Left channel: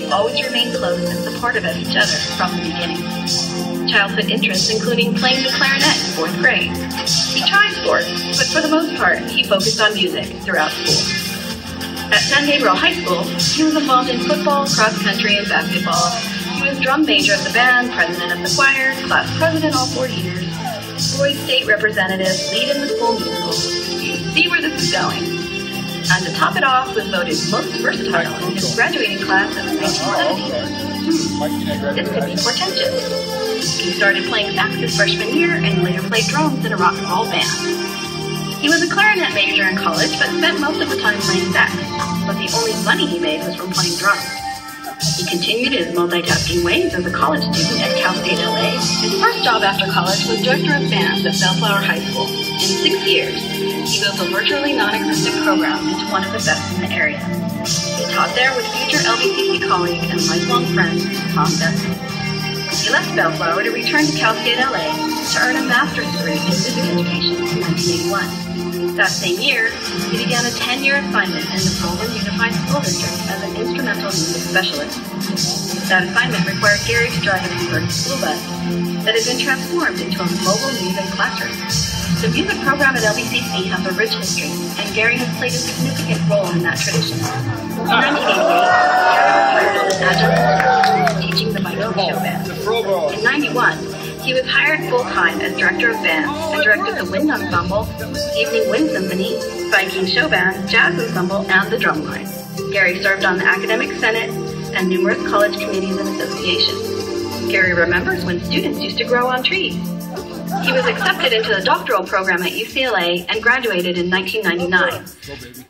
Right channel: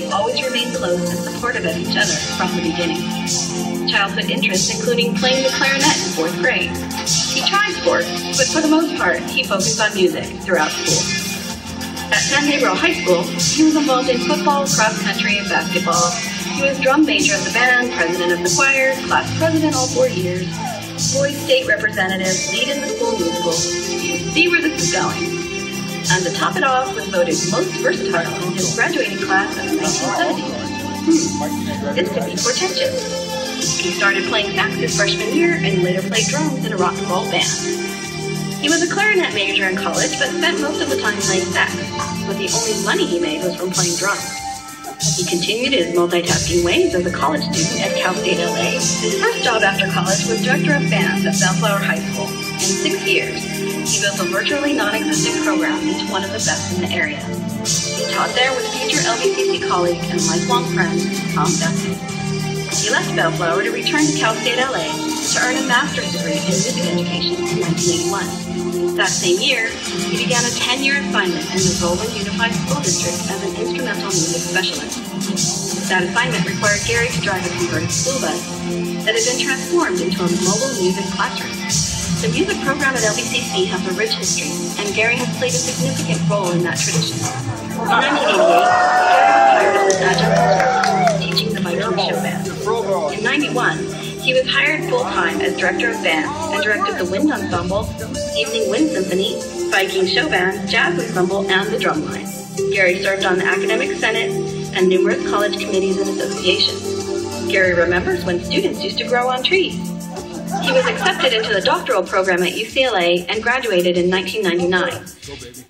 have always remained close and supportive of each other from the beginning. Childhood interests including playing the clarinet in 4th grade. He tried sports, but for the most part, he focused on music throughout school. At San Gabriel High School, he was involved in football, cross country, and basketball. He was drum major of the band, president of the choir, class president all 4 years, boys state representative, lead in the school musical. You see where this is going. And to top it off, was voted most versatile in his graduating class in the 1970s. This could be portentous. He started playing sax his freshman year and later played drums in a rock and roll band. He was a clarinet major in college, but spent most of the time playing sax. But the only money he made was from playing drums. He continued his multitasking ways as a college student at Cal State LA. His first job after college was director of bands at Bellflower High School. In 6 years, he built a virtually non-existent program into one of the best in the area. He taught there with future LBCC colleague and lifelong friend, Tom Besson. He left Bellflower to return to Cal State LA to earn a master's degree in music education in 1981. That same year, he began a 10-year assignment in the Roland Unified School District as an instrumental music specialist. That assignment required Gary to drive a converted school bus that had been transformed into a mobile music classroom. The music program at LBCC has a rich history, and Gary has played a significant role in that tradition. In 1988, Gary was hired as an adjunct instructor teaching the Viking Show Band. In 91, he was hired full-time as director of bands and directed the Wind Ensemble, Evening Wind Symphony, Viking Show Band, Jazz Ensemble, and the Drumline. Gary served on the Academic Senate and numerous college committees and associations. Gary remembers when students used to grow on trees. He was accepted into the doctoral program at UCLA and graduated in 1999.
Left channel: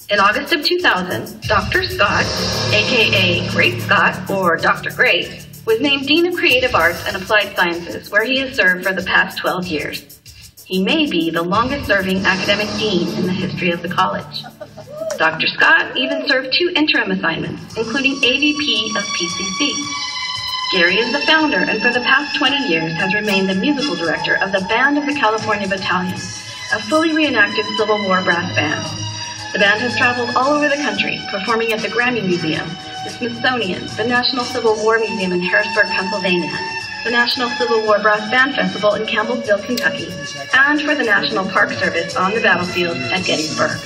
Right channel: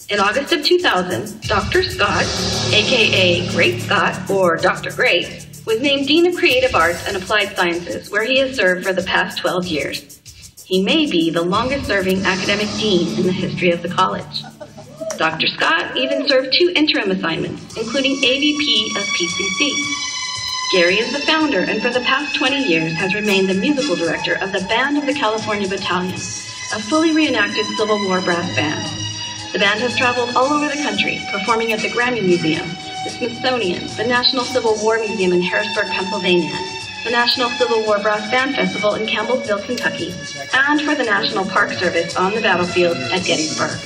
In August of 2000, Dr. Scott, aka Great Scott, or Dr. Great, was named Dean of Creative Arts and Applied Sciences, where he has served for the past 12 years. He may be the longest-serving academic dean in the history of the college. Dr. Scott even served 2 interim assignments, including AVP of PCC. Gary is the founder and for the past 20 years has remained the musical director of the Band of the California Battalion, a fully reenacted Civil War brass band. The band has traveled all over the country, performing at the Grammy Museum, the Smithsonian, the National Civil War Museum in Harrisburg, Pennsylvania, the National Civil War Brass Band Festival in Campbellsville, Kentucky, and for the National Park Service on the battlefield at Gettysburg.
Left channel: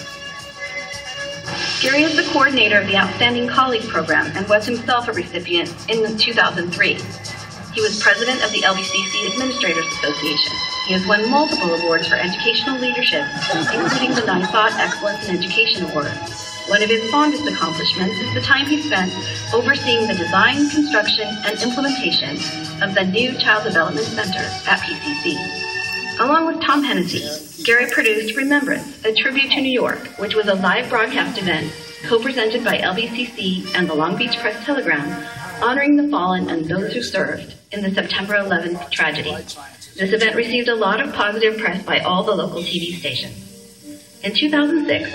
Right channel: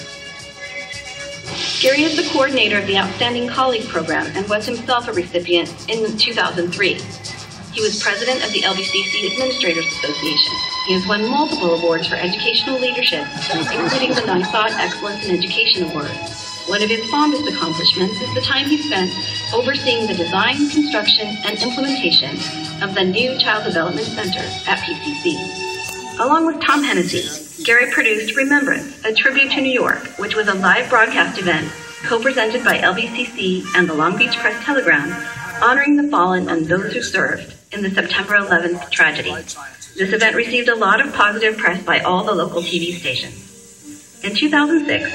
Gary is the coordinator of the Outstanding Colleague Program and was himself a recipient in 2003. He was president of the LBCC Administrators Association. He has won multiple awards for educational leadership, including the NYSOT Excellence in Education Award. One of his fondest accomplishments is the time he spent overseeing the design, construction, and implementation of the new Child Development Center at PCC. Along with Tom Hennessy, Gary produced Remembrance, a tribute to New York, which was a live broadcast event co-presented by LBCC and the Long Beach Press-Telegram, honoring the fallen and those who served in the September 11th tragedy. This event received a lot of positive press by all the local TV stations. In 2006,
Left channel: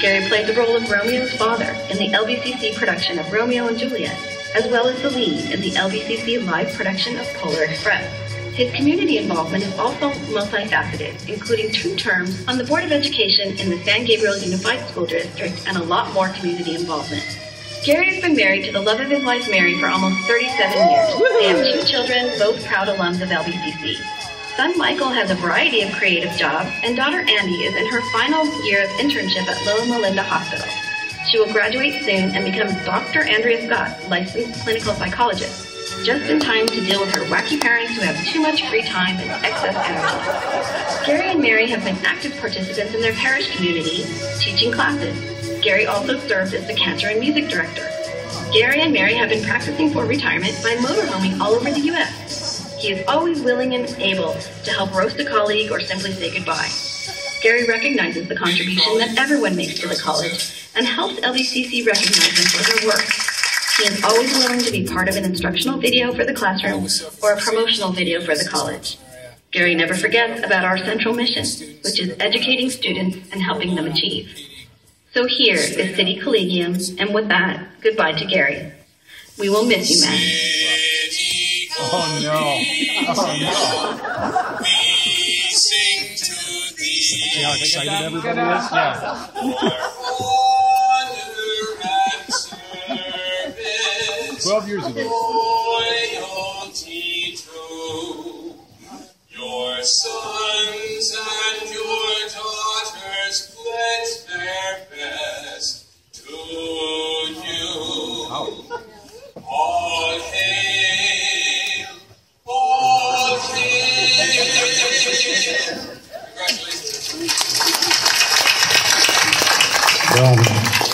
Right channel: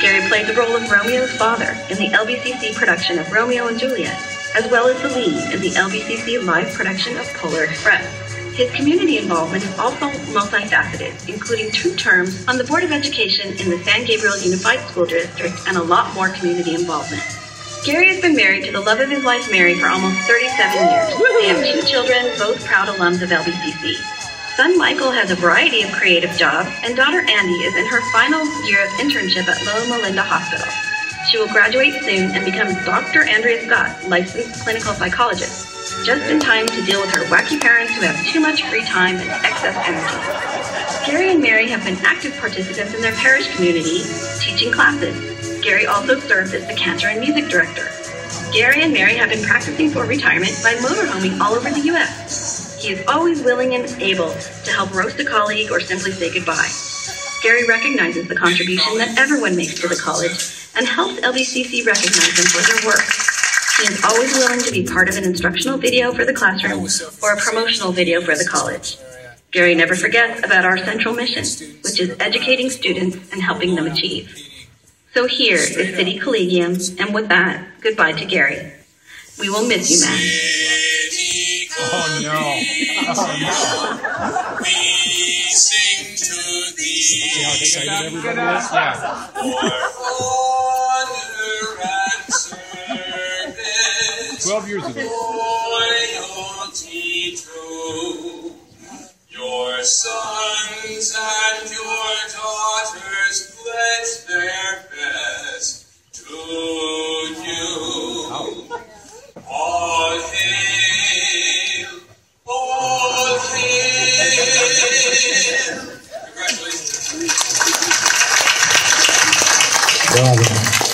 Gary played the role of Romeo's father in the LBCC production of Romeo and Juliet, as well as the lead in the LBCC live production of Polar Express. His community involvement is also multifaceted, including 2 terms on the Board of Education in the San Gabriel Unified School District and a lot more community involvement. Gary has been married to the love of his life, Mary, for almost 37 years. They have 2 children, both proud alums of LBCC. Son Michael has a variety of creative jobs, and daughter Andy is in her final year of internship at Loma Linda Hospital. She will graduate soon and become Dr. Andrea Scott, licensed clinical psychologist, just in time to deal with her wacky parents who have too much free time and excess energy. Gary and Mary have been active participants in their parish community, teaching classes. Gary also served as the cantor and music director. Gary and Mary have been practicing for retirement by motorhoming all over the U.S. He is always willing and able to help roast a colleague or simply say goodbye. Gary recognizes the contribution that everyone makes to the college and helps LBCC recognize them for their work. He is always willing to be part of an instructional video for the classroom or a promotional video for the college. Gary never forgets about our central mission, which is educating students and helping them achieve. So here is City Collegium, and with that, goodbye to Gary. We will miss you, man. Oh no. Oh no. See how excited everybody is? Yeah. 12 years ago. Loyalty true. Your sons and your daughters pledge their best to you. All hail, all hail. Congratulations. Bravo.